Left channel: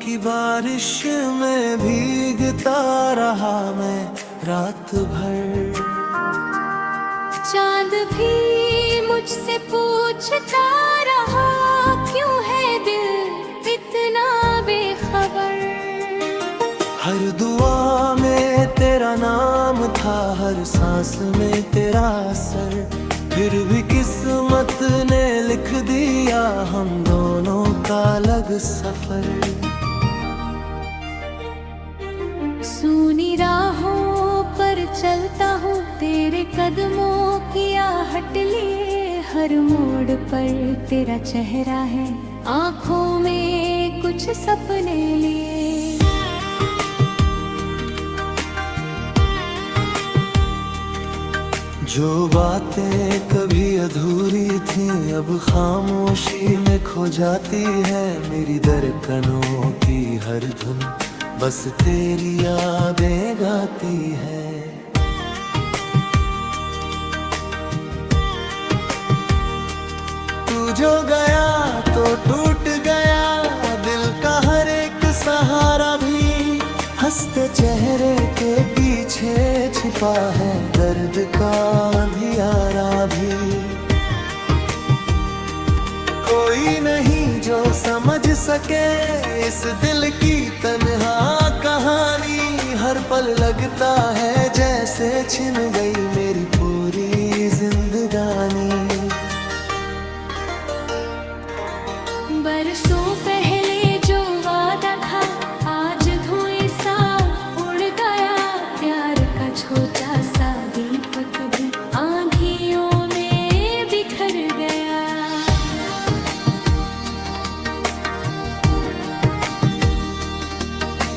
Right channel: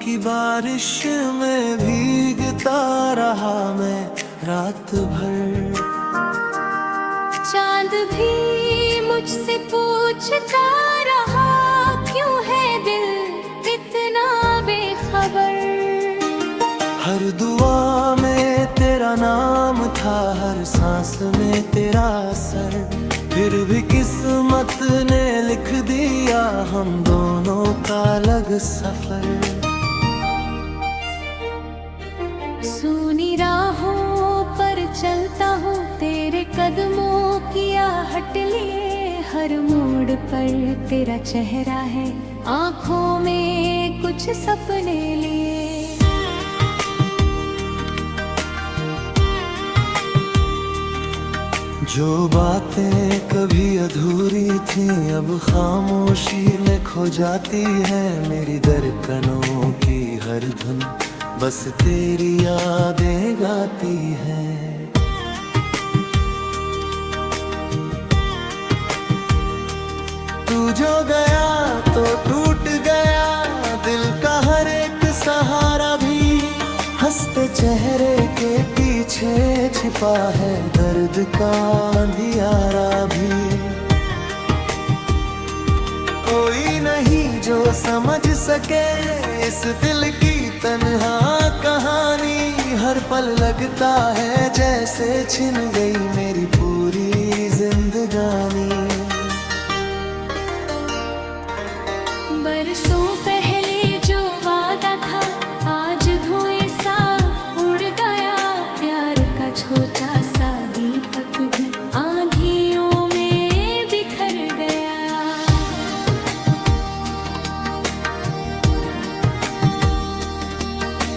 की बारिश में भीगता रहा मैं रात भर। चांद भी मुझसे पूछता रहा, क्यों है दिल इतना बेखबर। हर दुआ में तेरा नाम था, हर सांस में तेरा असर, फिर भी किस्मत ने लिख दिया हम दोनों का अलग सफर। सूनी राहों पर चलता हूँ तेरे कदमों की आहट लिए, हर मोड़ पर तेरा चेहरा है, आँखों में कुछ सपने लिए। जो बातें कभी अधूरी थीं अब खामोशी में खो जाती है, मेरी धड़कनों की हर धुन बस तेरी यादें गाती है। तू जो गया तो टूट गया दिल का हर एक सहारा भी, हंसते चेहरे के पीछे छिपा है दर्द का अंधियारा भी। कोई नहीं जो समझ सके इस दिल की तन्हा कहानी, हर पल लगता है जैसे छिन गई मेरी पूरी जिंदगानी। बरसों पहले जो वादा था आज धुएं सा उड़ गया, प्यार का छोटा सा दीपक भी आंधियों में बिखर गया।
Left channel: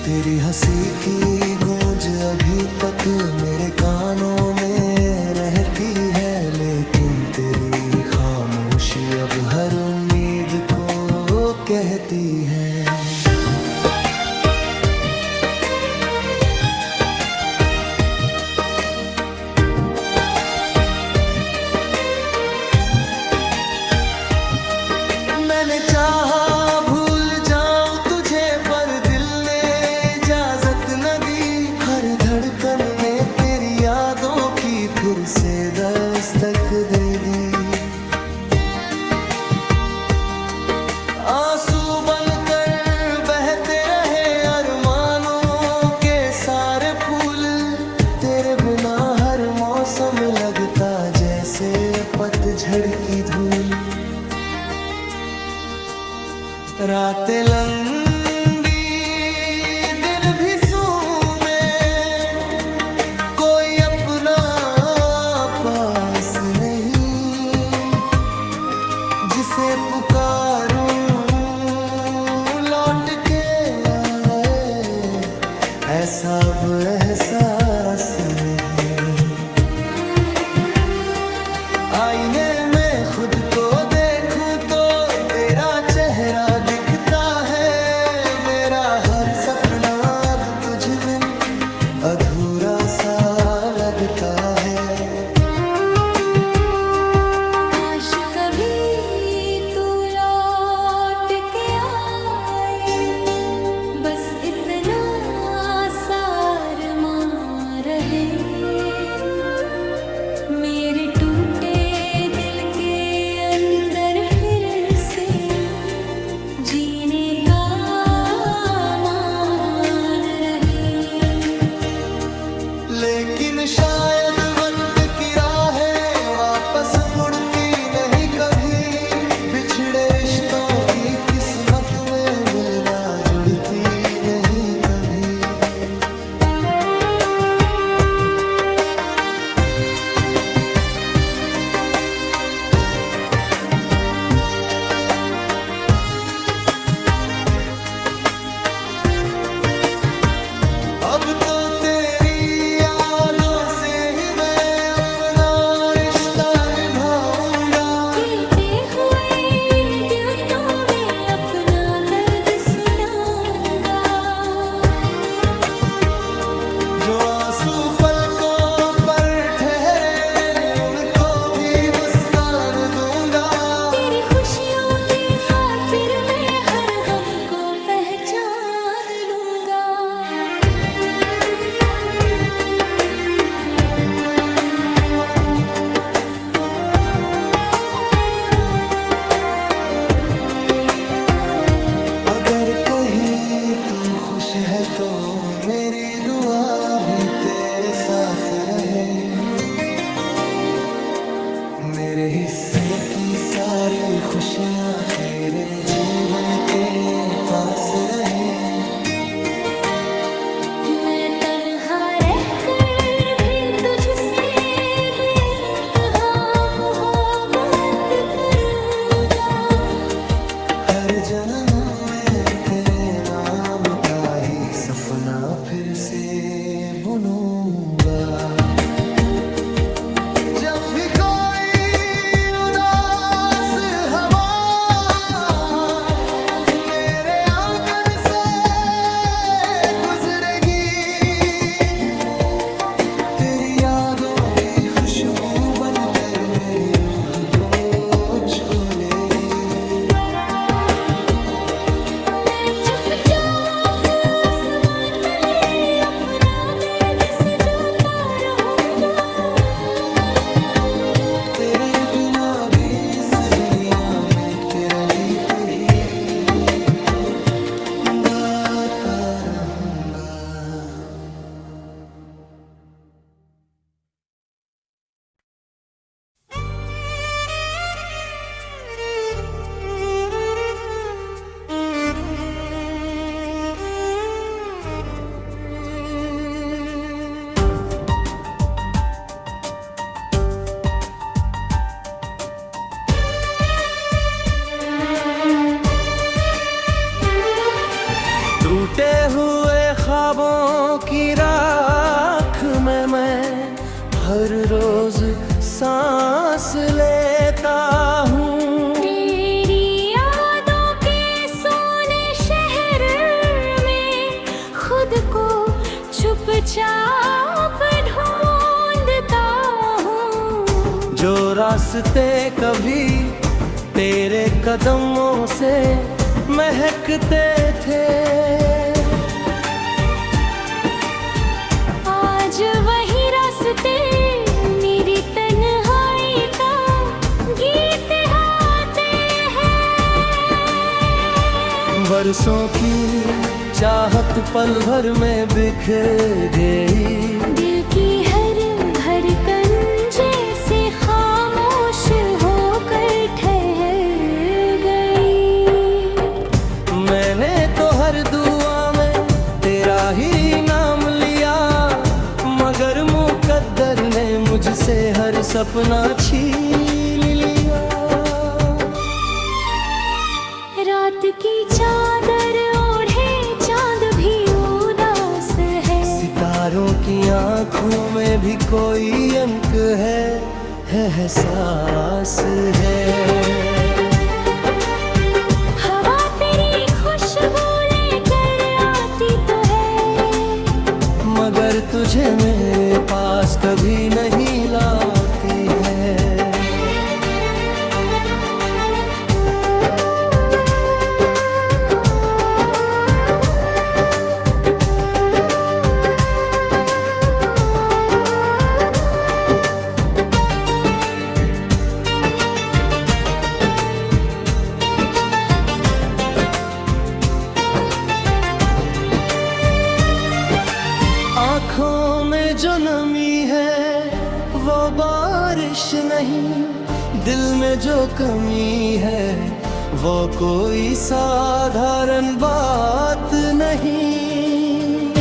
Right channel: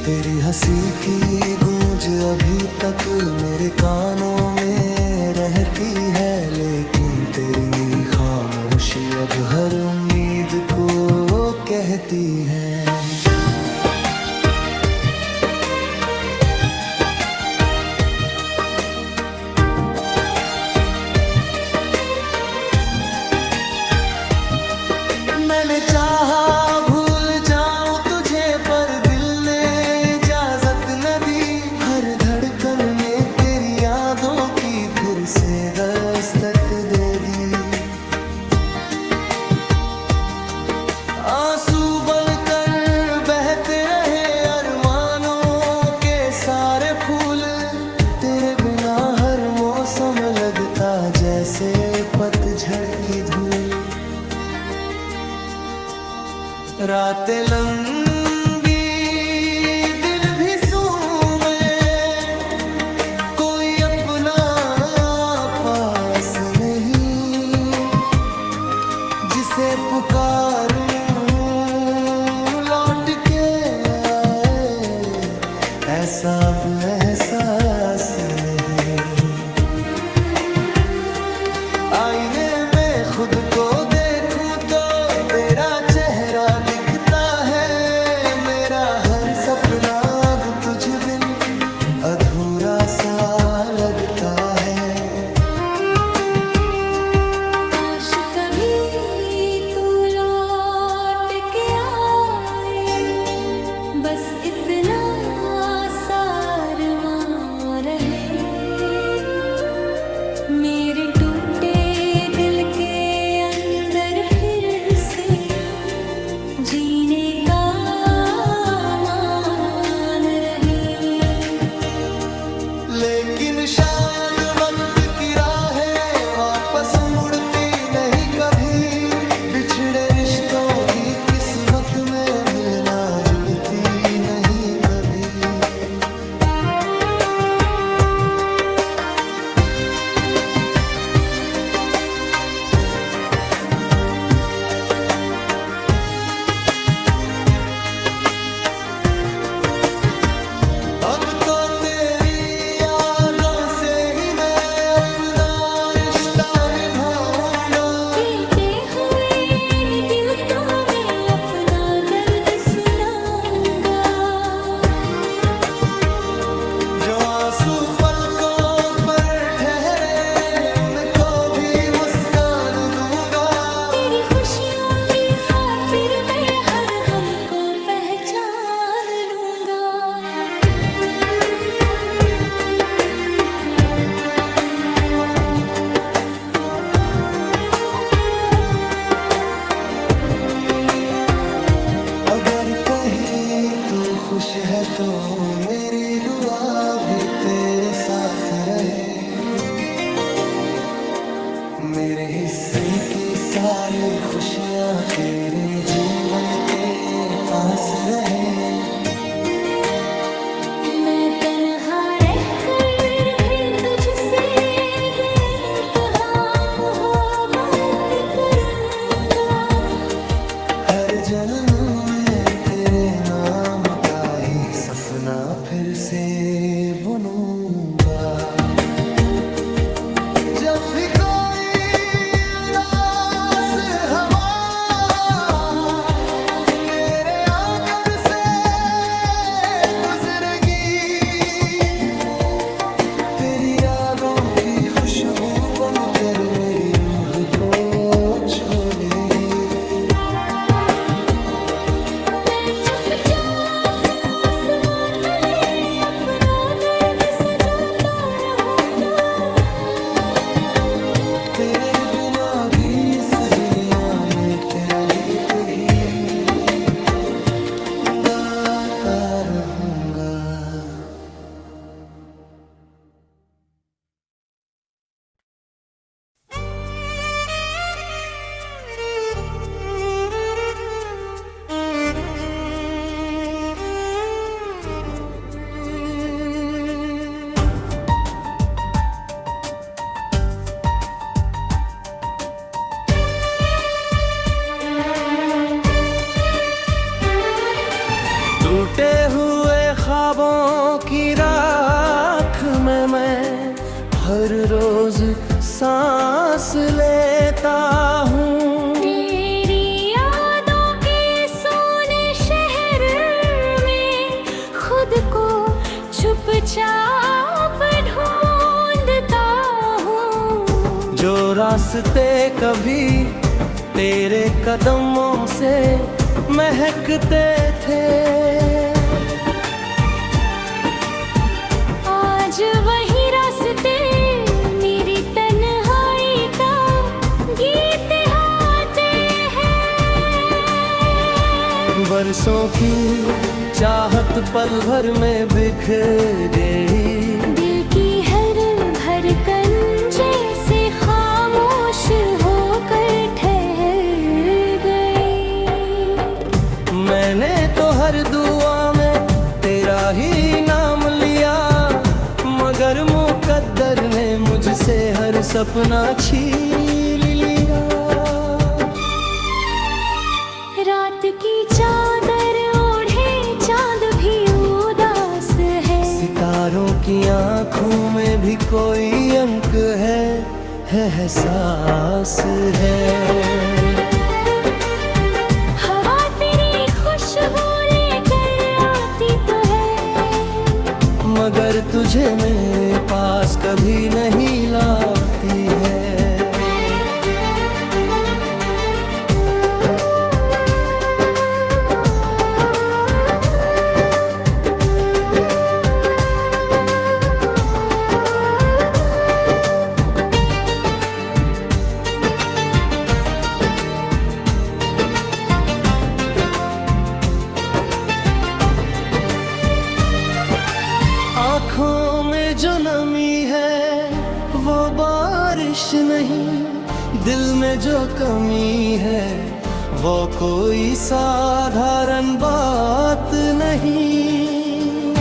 तेरी हंसी की गूंज अभी तक मेरे कानों में रहती है, लेकिन तेरी खामोशी अब हर उम्मीद को कहती है। मैंने चाहा भूल जाऊं तुझे पर दिल ने इजाजत न दी, हर धड़कन ने तेरी यादों की फिर से दस्तक दे दी। आंसू बनकर बहते रहे अरमानों के सारे फूल, तेरे बिना हर मौसम लगता जैसे पतझड़ की धूल। रातें लंबी दिन भी सूमे, कोई अपना पास नहीं, जिसे पुकारूं लौट के आए ऐसा अब एहसास नहीं। आईने में खुद को देखूं तो तेरा चेहरा दिखता है, मेरा हर सपना अब तुझ बिन अधूरा सा लगता है। काश कभी तू लौट के आए, बस इतना सा अरमां रहे, मेरे टूटे दिल के अंदर फिर से जीने का मान रहे। लेकिन शायद वक्त की राहें वापस मुड़ती नहीं कभी, बिछड़े रिश्तों की किस्मत में मिलना जुड़ती नहीं कभी। अब तो तेरी यादों से ही मैं अपना रिश्ता निभाऊंगा, कहते हुए इन दिलों में अपना दर्द सुनाऊंगा। जो आंसू पलकों पर ठहरे उनको भी मुस्कान दूंगा, तेरी खुशियों की खातिर मैं हर गम को पहचान जान लूंगा। अगर कहीं तू खुश है तो मेरी दुआ भी तेरे साथ रहे। मेरे हिस्से की सारी खुशियाँ तेरे जीवन के पास रहे। मैं तन्हा रहकर भी तुझसे बेइंतहा मोहब्बत करूंगा। हर जन्म में तेरे नाम का ही सपना फिर से बुनूंगा। जब भी कोई उदास हवा मेरे आंगन से गुजरेगी, तेरी यादों की खुशबू बनकर मेरी रूह को छू लेगी। मैं चुपचाप आसमां तले अपना दर्द सजाता रहूंगा। तेरे बिना भी इस दुनिया में तेरा गीत ही गाता रहूंगा। टूटे हुए ख्वाबों की राख में मैं हर रोज सांस लेता हूँ। तेरी यादों के सोने शहर में खुद को चुपचाप ढूंढता हूँ। जो रास्ते कभी तेरे कदमों से महकते थे, आज वही रास्ते मेरी तन्हाई का गीत गाते हैं। बरसों की चाहत पल भर में बिखर गई। दिल की हर धड़कन जैसे खामोश होकर ठहर गई। मैंने तो हर दुआ में तेरा ही नाम लिया, मगर मुकद्दर ने मुझसे हर सपना छीन लिया। रात की चादर ओढ़े चांद भी उदास है। सितारों की आंखों में भी कोई अंक है, एहसास है। हवा तेरी खुशबू लेकर आती तो है, मगर तुझे मेरे पास कभी नहीं लाती है। आँखों में जो नमी है वो बारिश नहीं, दिल में जो कमी है वो कोई साधारण बात नहीं।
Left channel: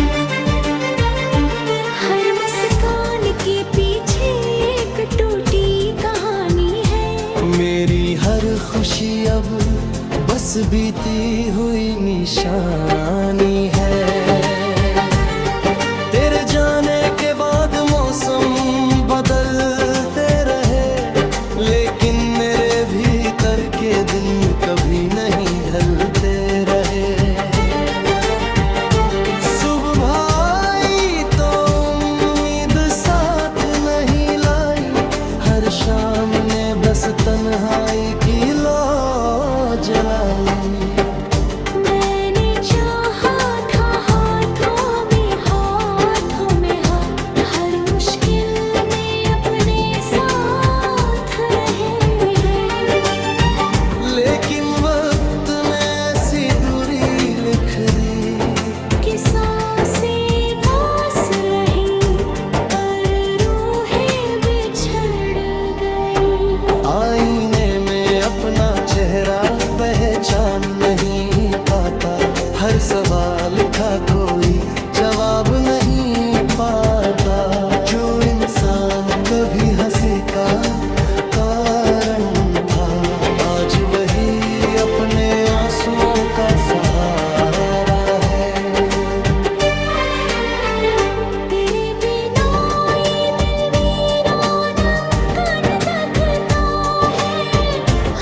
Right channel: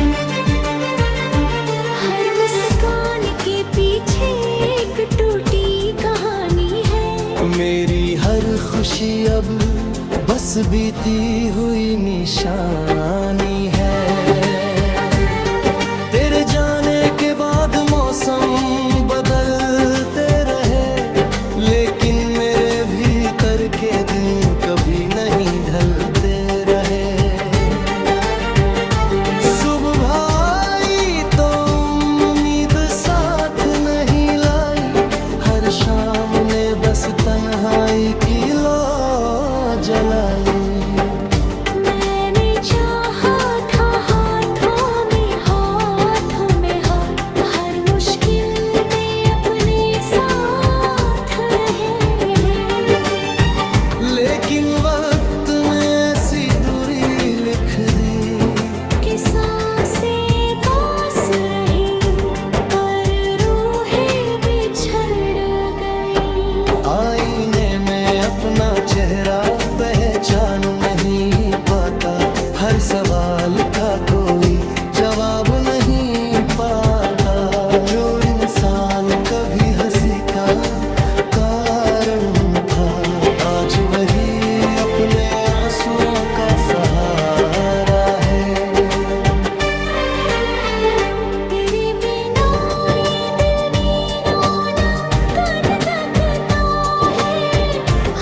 हर मुस्कान के पीछे एक टूटी कहानी है। मेरी हर खुशी अब बस बीती हुई निशानी है। तेरे जाने के बाद मौसम बदलते रहे, लेकिन मेरे भीतर के दिन कभी नहीं ढलते रहे। सुबह आई तो उम्मीद साथ नहीं लाई, हर शाम ने बस तन्हाई की लौ जलाई। मैंने चाहा चेहरा पहचान नहीं पाता, हर सवाल का कोई जवाब नहीं पाता। जो इंसान कभी हंसी का कारण था, आज वही अपने आंसुओं का सहारा है। तेरे बिना ये दिल वीराना कन तकता है,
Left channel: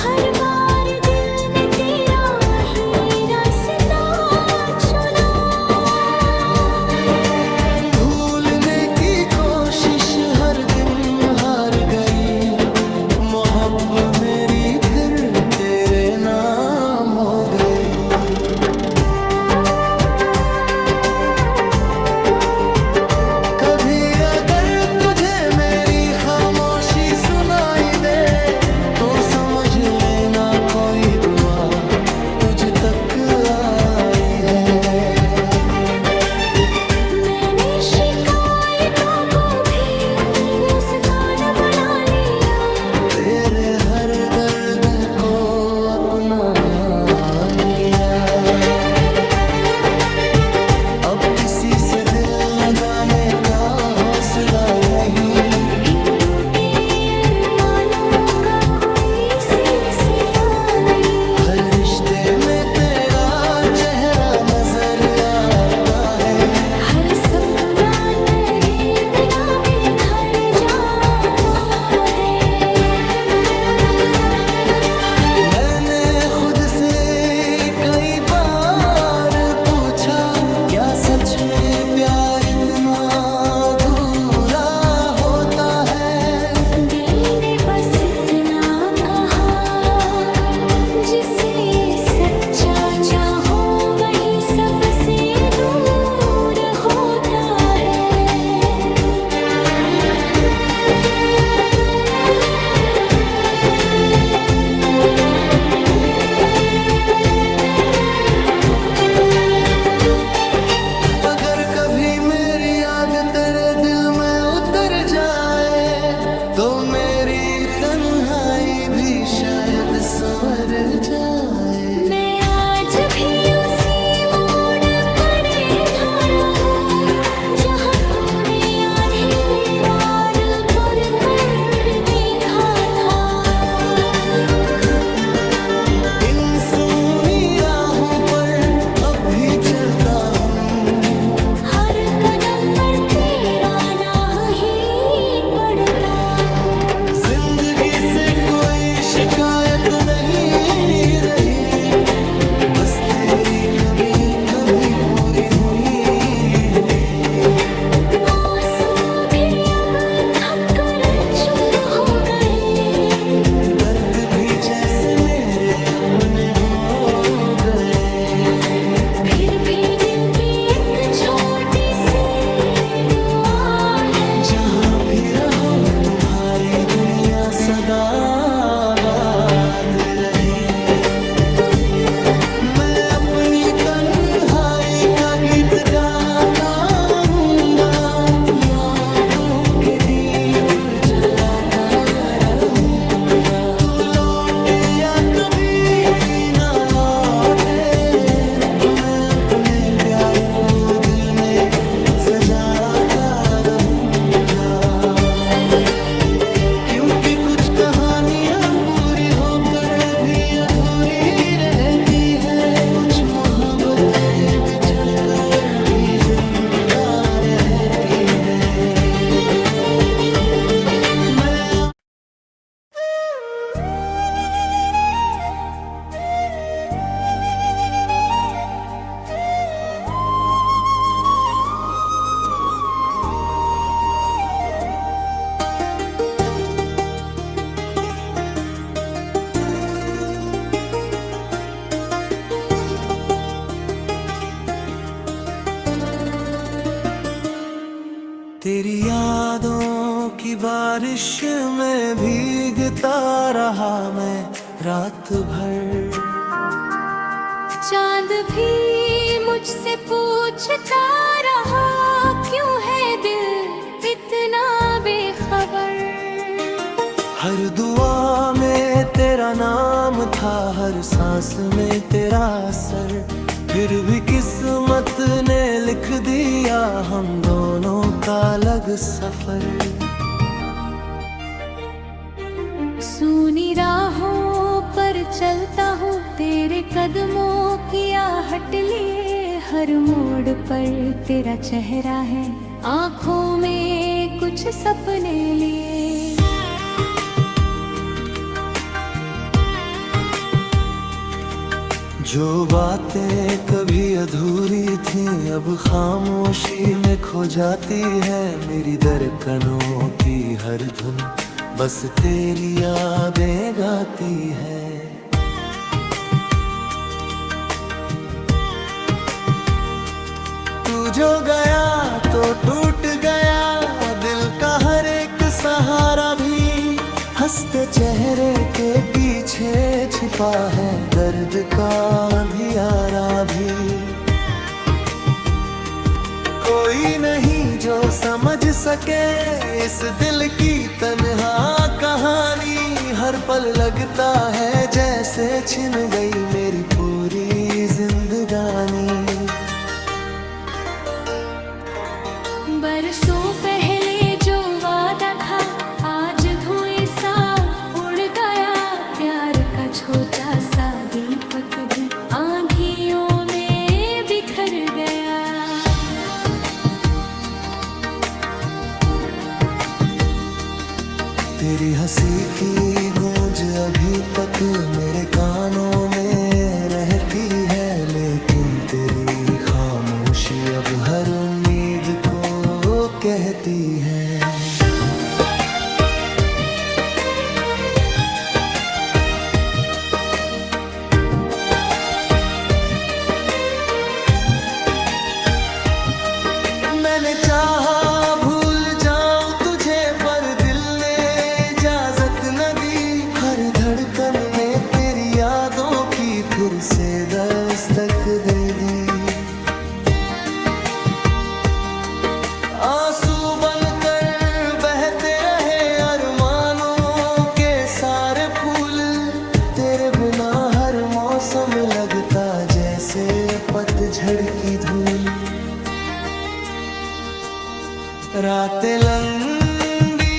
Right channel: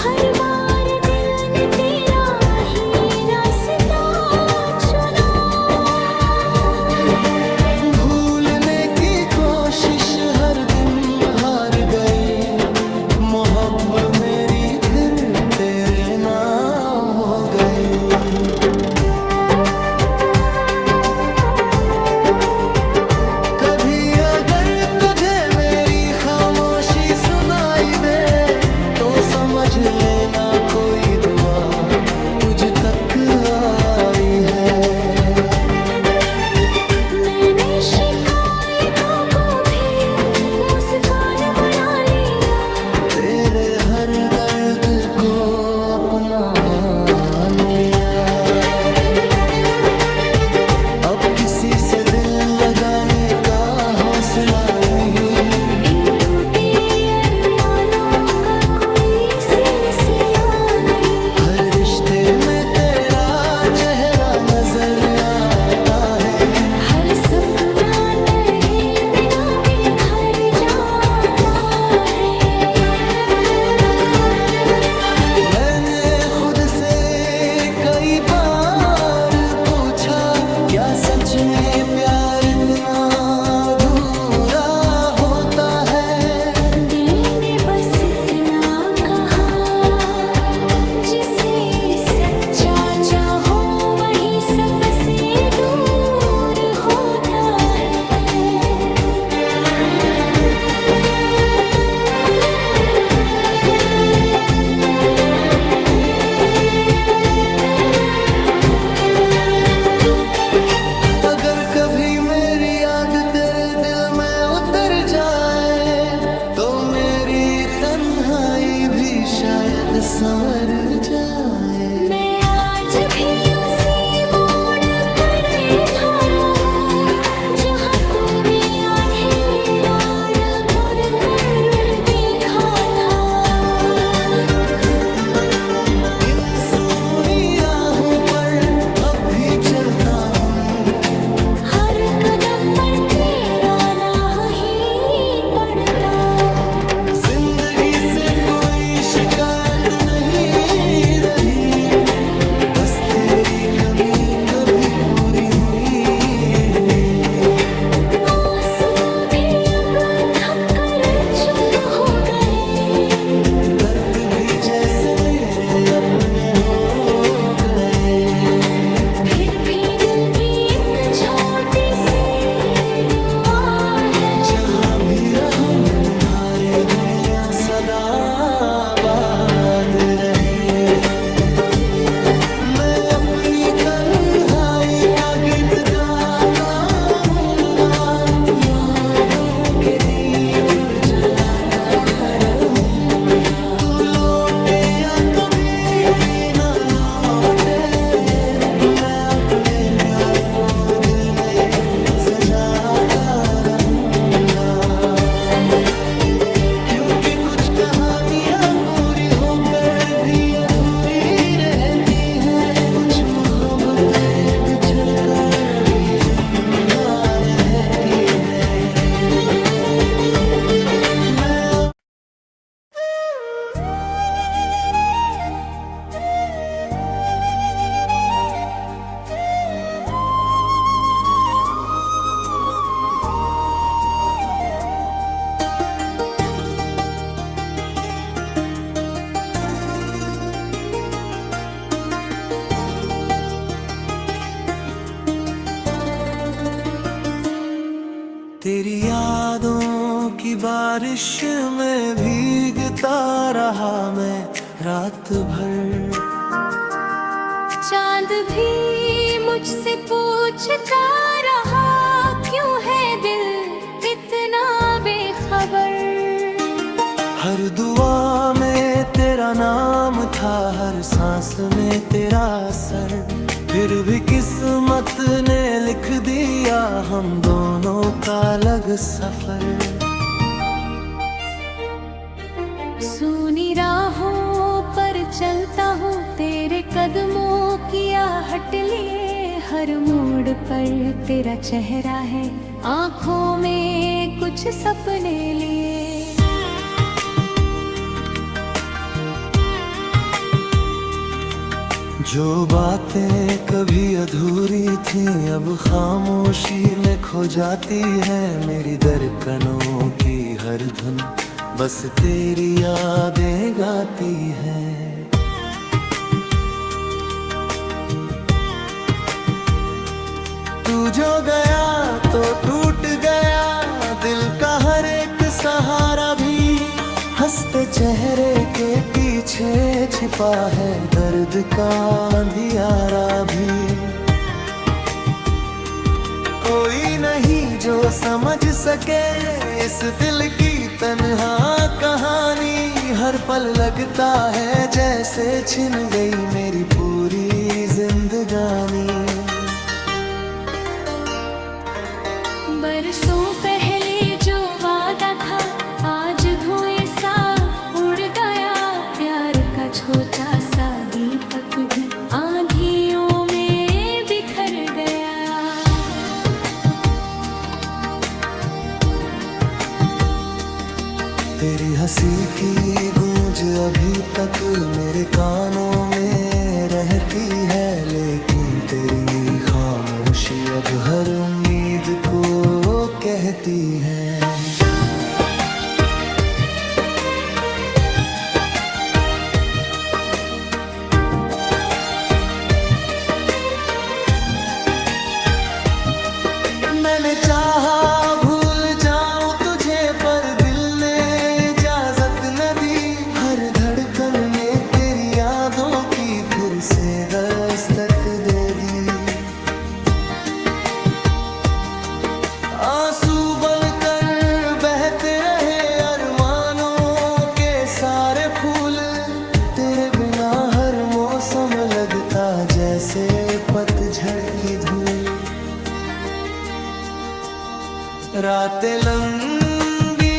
हर बार दिल ने तेरा ही रास्ता चुना। भूलने की कोशिश हर दिन हार गई, मोहब्बत मेरी फिर तेरे नाम हो गई। कभी अगर तुझे मेरी खामोशी सुनाई दे, तो समझ लेना कोई दुआ तुझ तक आई है। मैंने शिकायतों को भी मुस्कान बना लिया, तेरे हर दर्द को अपना मान लिया। अब किसी से दिल लगाने का हौसला नहीं, इन टूटे अरमानों का कोई सिलसिला नहीं। हर रिश्ते में तेरा चेहरा नजर आता है, हर सपना तेरे बिना बिखर जाता है। मैंने खुद से कई बार पूछा, क्या सच में प्यार इतना अधूरा होता है? दिल ने बस इतना कहा, जिसे सच्चा चाहो वही सबसे दूर होता है। अगर कभी मेरी याद तेरे दिल में उतर जाए, तो मेरी तन्हाई भी शायद संवर जाए। मैं आज भी उसी मोड़ पर खड़ा हूँ, जहाँ तूने आधी रात पर कर देखा था। इन सूनी राहों पर अब भी चलता हूँ, हर कदम पर तेरा नाम ही पढ़ता हूँ। जिंदगी से कोई शिकायत नहीं रही, बस तेरी कमी कभी पूरी हुई। आंसू भी अब थक कर चुप हो गए, दर्द भी जैसे मेरे अपने हो गए। फिर भी दिल की एक छोटी सी दुआ है, जहाँ भी रहो तुम्हारी दुनिया सदा आबाद रहे। मैं अपनी तन्हाई का गीत गाता रहूंगा, यादों के दीप जलाता रहूंगा। तू लौटे या कभी ना लौटे, मैं अपने प्यार को दिल में सजाता रहूंगा। क्योंकि कुछ कहानियां पूरी होकर भी अधूरी रहती है, कुछ मोहब्बतें बिछड़ कर भी जिंदा रहती है। मैं तेरी यादों की बारिश में भीगता रहा मैं रात भर। चांद भी मुझसे पूछता रहा, क्यों है दिल इतना बेखबर। हर दुआ में तेरा नाम था, हर सांस में तेरा असर, फिर भी किस्मत ने लिख दिया हम दोनों का अलग सफर। सूनी राहों पर चलता हूँ, तेरे कदमों की आहट लिए, हर मोड़ पर तेरा चेहरा है, आँखों में कुछ सपने लिए। जो बातें कभी अधूरी थीं अब खामोशी में खो जाती है, मेरी धड़कनों की हर धुन बस तेरी यादें गाती है। तू जो गया तो टूट गया दिल का हर एक सहारा भी, हंसते चेहरे के पीछे छिपा है दर्द का अंधियारा भी। कोई नहीं जो समझ सके इस दिल की तन्हा कहानी, हर पल लगता है जैसे छिन गई मेरी पूरी जिंदगानी। बरसों पहले जो वादा था आज धुएं सा उड़ गया, प्यार का छोटा सा दीपक भी आंधियों में बिखर गया। तेरी हंसी की गूंज अभी तक मेरे कानों में रहती है, लेकिन तेरी खामोशी अब हर उम्मीद को कहती है। मैंने चाहा भूल जाऊं तुझे पर दिल ने इजाजत न दी, हर धड़कन ने तेरी यादों की फिर से दस्तक दे दी। आंसू बनकर बहते रहे अरमानों के सारे फूल, तेरे बिना हर मौसम लगता जैसे पतझड़ की धूल। रातें लंबी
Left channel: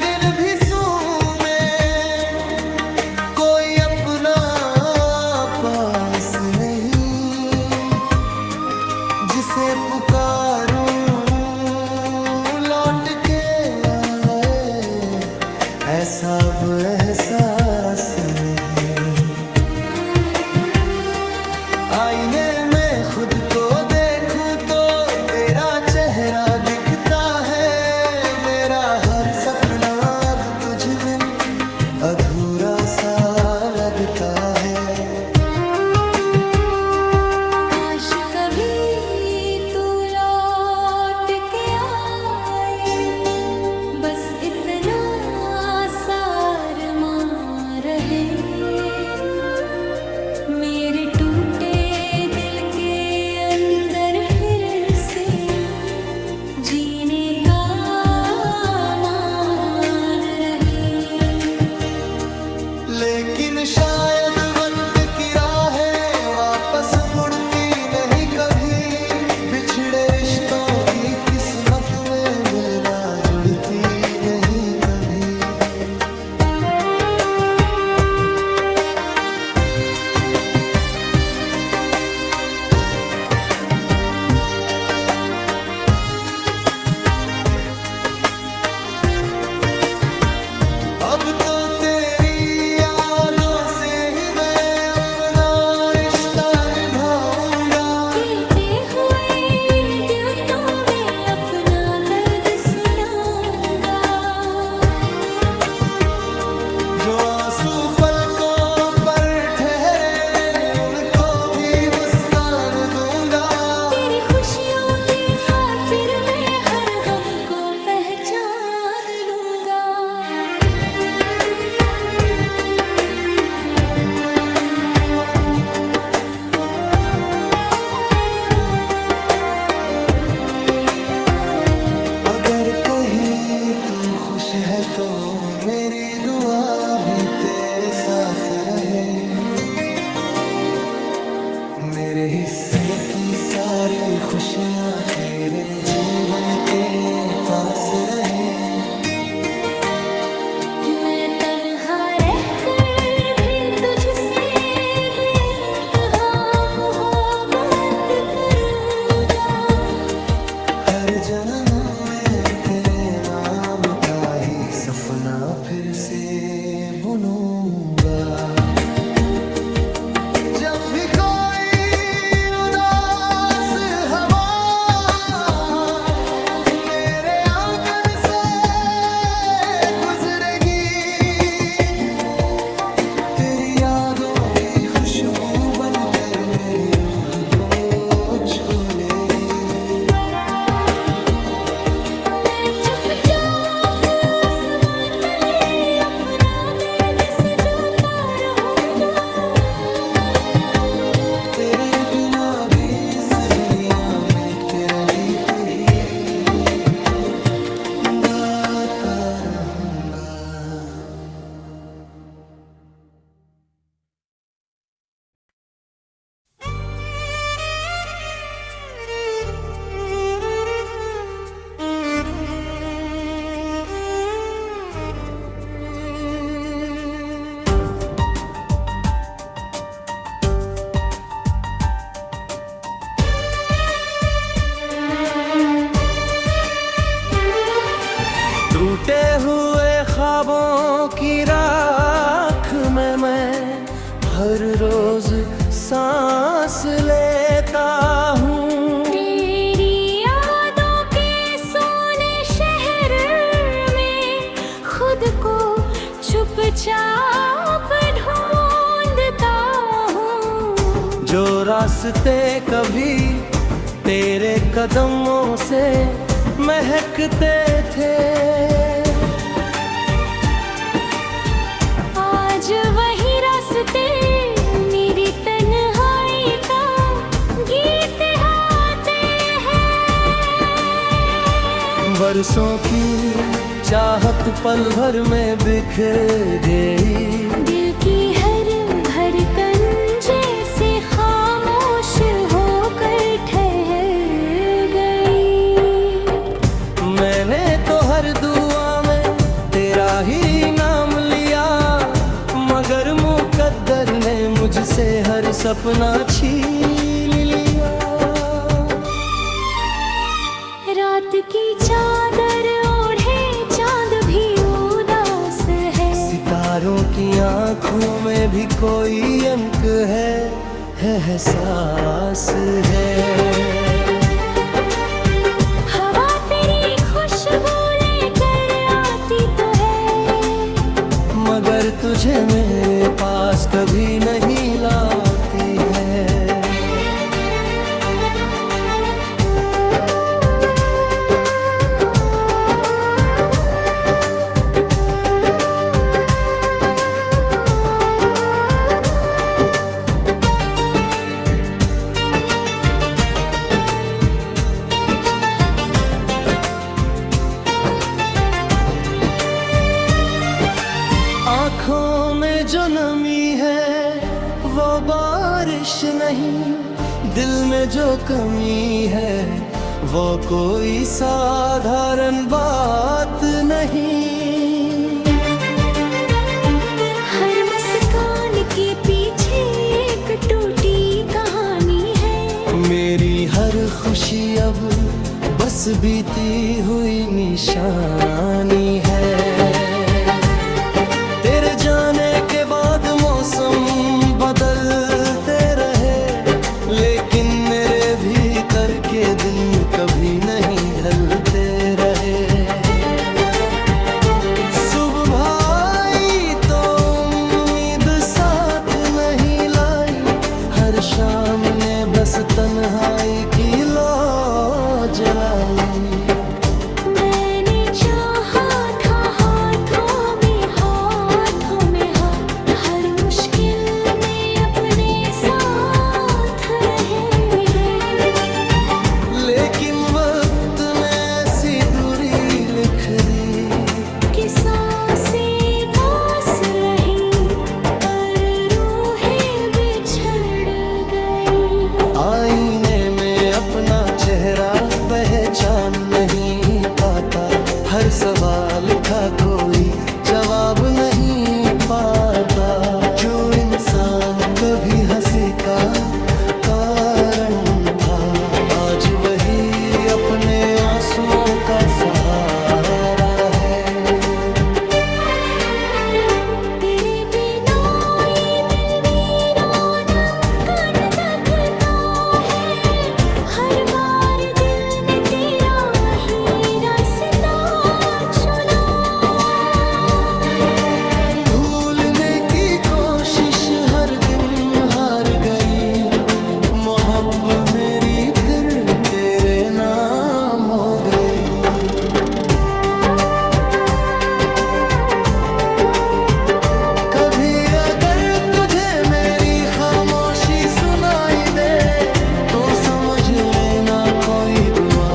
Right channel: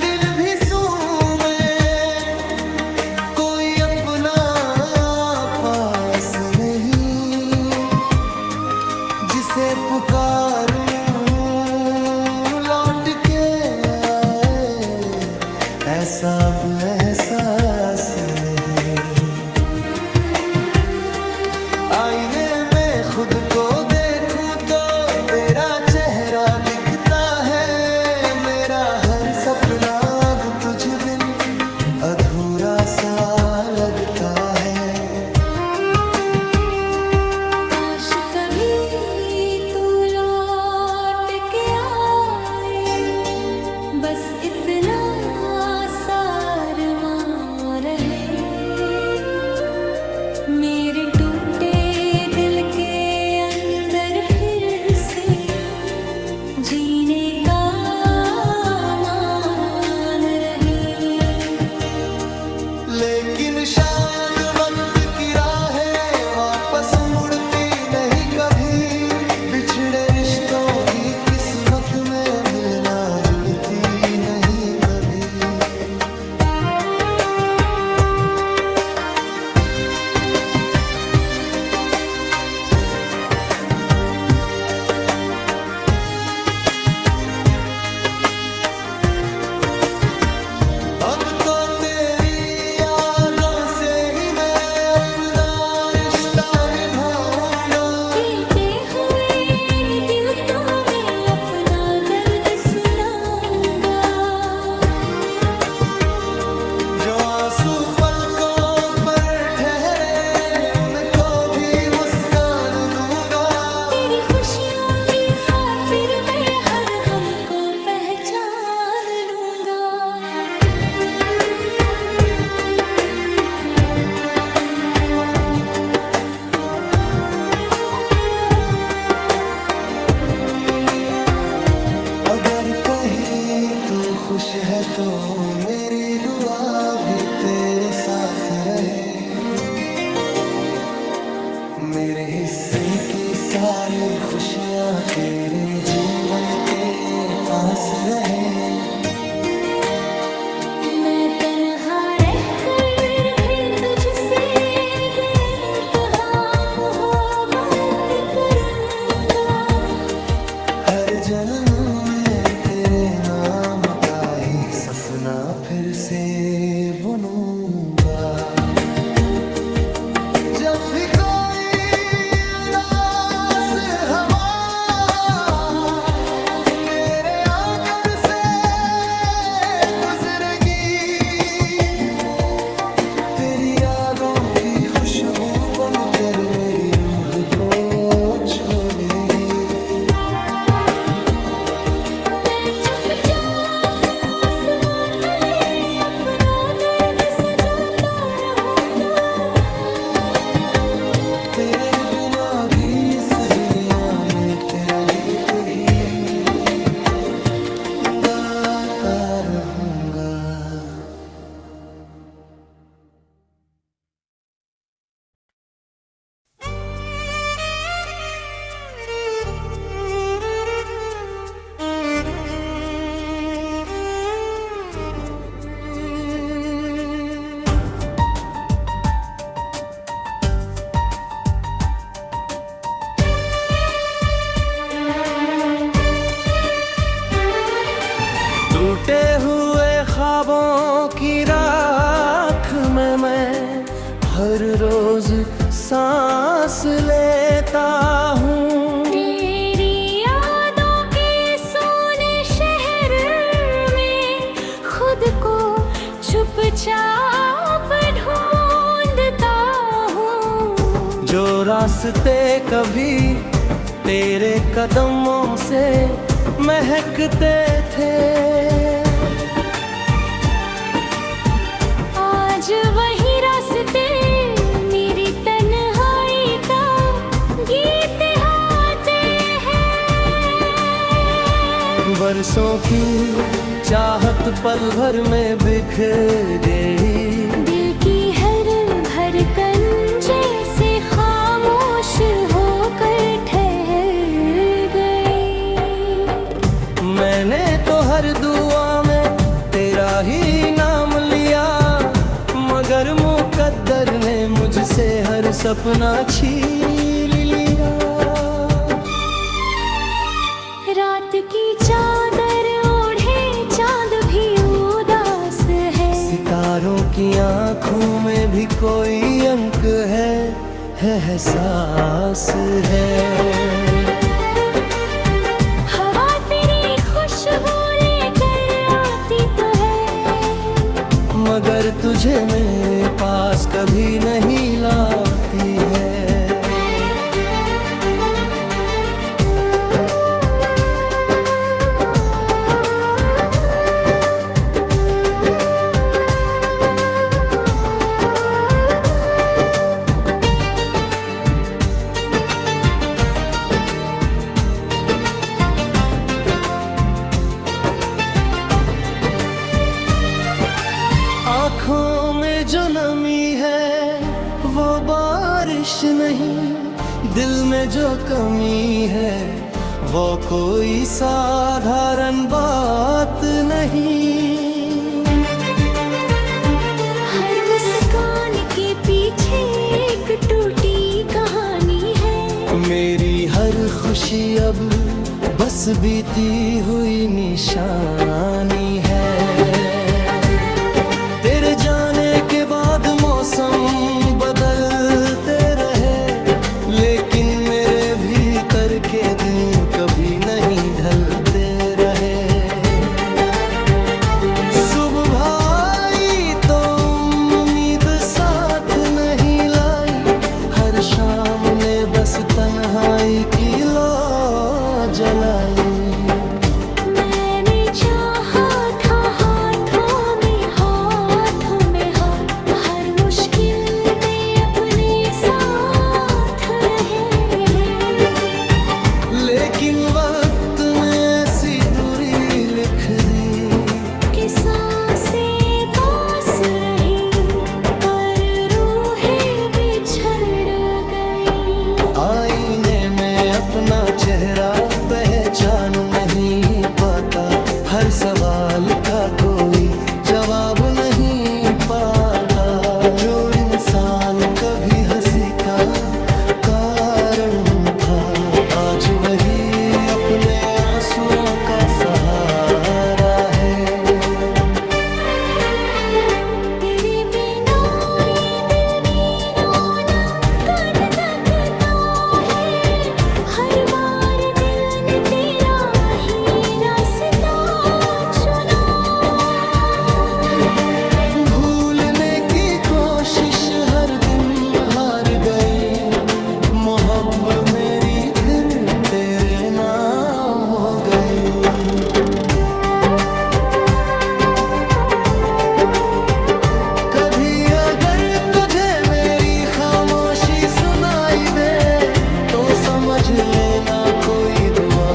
दिन भी सूमे, कोई अपना पास नहीं, जिसे पुकारूं लौट के आए ऐसा अब एहसास नहीं। आईने में खुद को देखूं तो तेरा चेहरा दिखता है, मेरा हर सपना अब तुझ बिन अधूरा सा लगता है। काश कभी तू लौट के आए, बस इतना सारमा रहे, मेरे टूटे दिल के अंदर फिर से जीने का मान रहे। लेकिन शायद वक्त की राहें वापस मुड़ती नहीं कभी, बिछड़े रिश्तों की किस्मत में मिलना जुड़ती नहीं कभी। अब तो तेरी यादों से ही मैं अपना रिश्ता निभाऊंगा, गिरते हुए इन द्योतों में अपना दर्द सुनाऊंगा। जो आंसू पलकों पर ठहरे उनको भी मुस्कान दूंगा, तेरी खुशियों की खातिर मैं हर गम को पहचान लूंगा। अगर कहीं तू खुश है तो मेरी दुआ भी तेरे साथ रहे। मेरे हिस्से की सारी खुशियाँ तेरे जीवन के पास रहे। मैं तन्हा रहकर भी तुझसे बेइंतहा मोहब्बत करूँगा। हर जन्म में तेरे नाम का ही सपना फिर से बुनूंगा। जब भी कोई उदास हवा मेरे आंगन से गुजरेगी, तेरी यादों की खुशबू बनकर मेरी रूह को छू लेगी। मैं चुपचाप आसमां तले अपना दर्द सजाता रहूंगा। तेरे बिना भी इस दुनिया में तेरा गीत ही गाता रहूंगा। टूटे हुए ख्वाबों की राख में मैं हर रोज सांस लेता हूँ। तेरी यादों के सोने शहर में खुद को चुपचाप ढूंढता हूँ। जो रास्ते कभी तेरे कदमों से महकते थे, आज वही रास्ते मेरी तन्हाई का गीत गाते हैं। बरसों की चाहत पल भर में बिखर गई। दिल की हर धड़कन जैसे खामोश होकर ठहर गई। मैंने तो हर दुआ में तेरा ही नाम लिया, मगर मुकद्दर ने मुझसे हर सपना छीन लिया। रात की चादर ओढ़े चांद भी उदास है। सितारों की आंखों में भी कोई अंक है, एहसास है। हवा तेरी खुशबू लेकर आती तो है, मगर तुझे मेरे पास कभी नहीं लाती है। आँखों में जो नमी है वो बारिश नहीं, दिल में जो कमी है वो कोई साधारण बात नहीं। हर मुस्कान के पीछे एक टूटी कहानी है। मेरी हर खुशी अब बस बीती हुई निशानी है। तेरे जाने के बाद मौसम बदलते रहे, लेकिन मेरे भीतर के दिन कभी नहीं ढलते रहे। सुबह आई तो उम्मीद साथ नहीं लाई, हर शाम ने बस तन्हाई की लौ जलाई। मैंने चाहा था हाथों में हाथ, हर मुश्किल में अपने साथ रहे। लेकिन वक्त ने ऐसी दूरी लिख दी कि सांसें पास रही पर रूहें बिछड़ गई। आईने में अपना चेहरा पहचान नहीं पाता, हर सवाल का कोई जवाब नहीं पाता। जो इंसान कभी हंसी का कारण था, आज वही अपने आंसुओं का सहारा है। तेरे बिना ये दिल वीराना कन तकता है, हर बार दिल ने तेरा ही रास्ता चुना। भूलने की कोशिश हर दिन हार गई, मोहब्बत मेरी फिर तेरे नाम हो गई। कभी अगर तुझे मेरी खामोशी सुनाई दे, तो समझ लेना कोई दुआ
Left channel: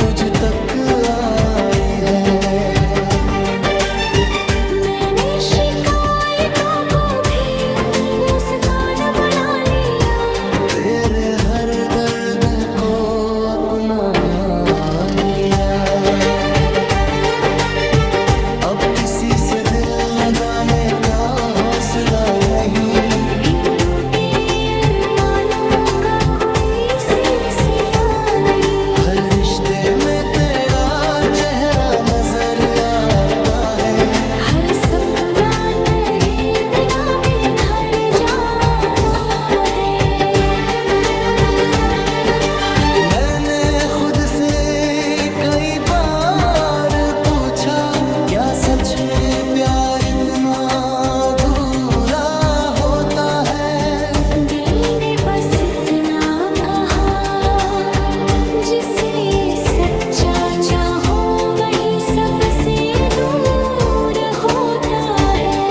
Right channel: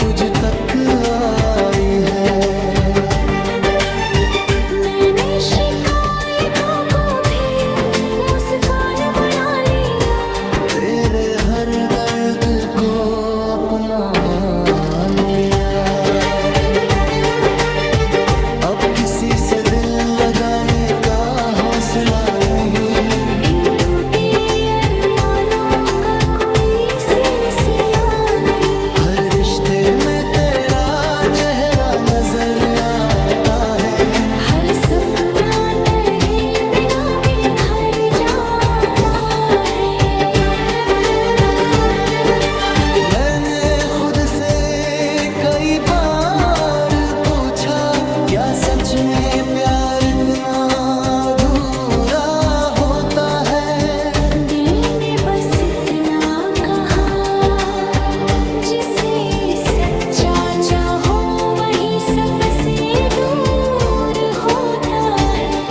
तुझ तक आई है। मैंने शिकायतों को भी मुस्कान बना लिया, तेरे हर दर्द को अपना मान लिया। अब किसी से दिल लगाने का हौसला नहीं, इन टूटे अरमानों का कोई सिलसिला नहीं। हर रिश्ते में तेरा चेहरा नजर आता है, हर सपना तेरे बिना बिखर जाता है। मैंने खुद से कई बार पूछा, क्या सच में प्यार इतना अधूरा होता है। दिल ने बस इतना कहा, जिसे सच्चा चाहो वही सबसे दूर होता है।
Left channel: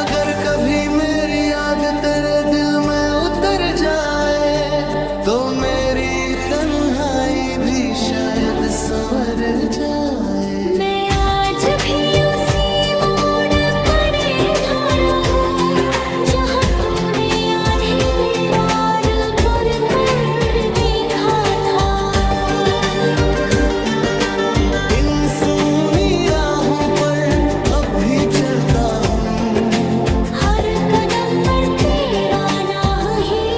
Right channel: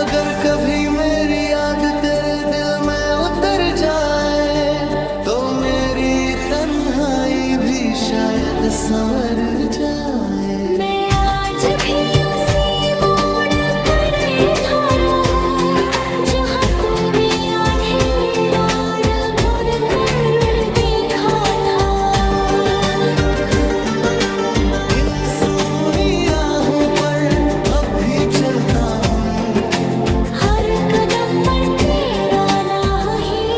अगर कभी मेरी याद तेरे दिल में उतर जाए, तो मेरी तन्हाई भी शायद संवर जाए। मैं आज भी उसी मोड़ पर खड़ा हूँ, जहाँ तूने आधी रात पर कर देखा था। इन सूनी राहों पर अब भी चलता हूँ, हर कदम पर तेरा नाम ही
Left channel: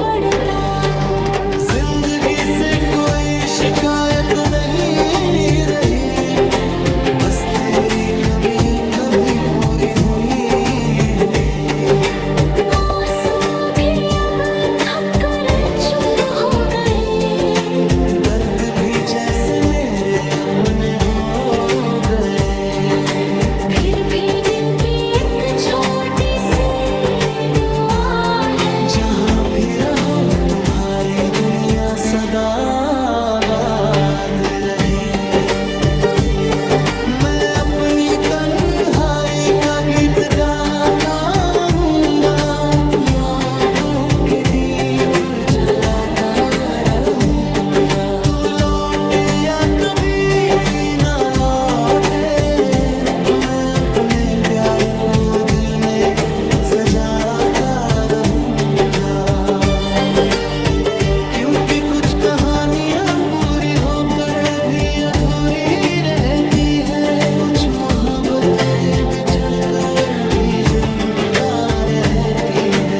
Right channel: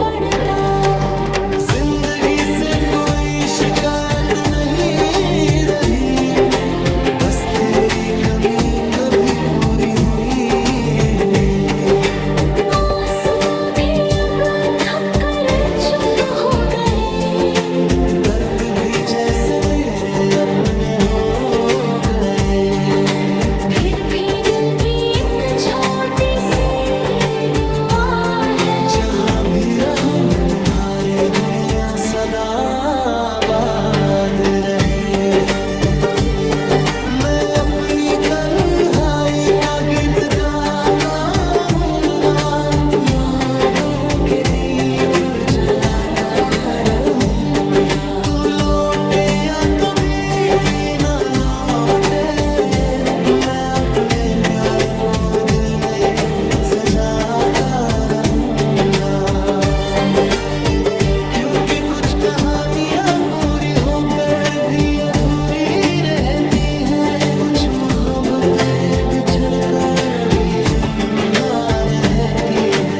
पढ़ता हूँ। जिंदगी से कोई शिकायत नहीं रही, बस तेरी कमी कभी पूरी हुई। आंसू भी अब थक कर चुप हो गए, दर्द भी जैसे मेरे अपने हो गए। फिर भी दिल की एक छोटी सी दुआ है, जहाँ भी रहो तुम्हारी दुनिया सदा आबाद रहे। मैं अपनी तन्हाई का गीत गाता रहूंगा, यादों के दीप जलाता रहूंगा। तू लौटे या कभी ना लौटे, मैं अपने प्यार को दिल में सजाता रहूंगा। क्योंकि कुछ कहानियां पूरी होकर भी अधूरी रहती है, कुछ मोहब्बतें बिछड़ कर भी जिंदा रहती है।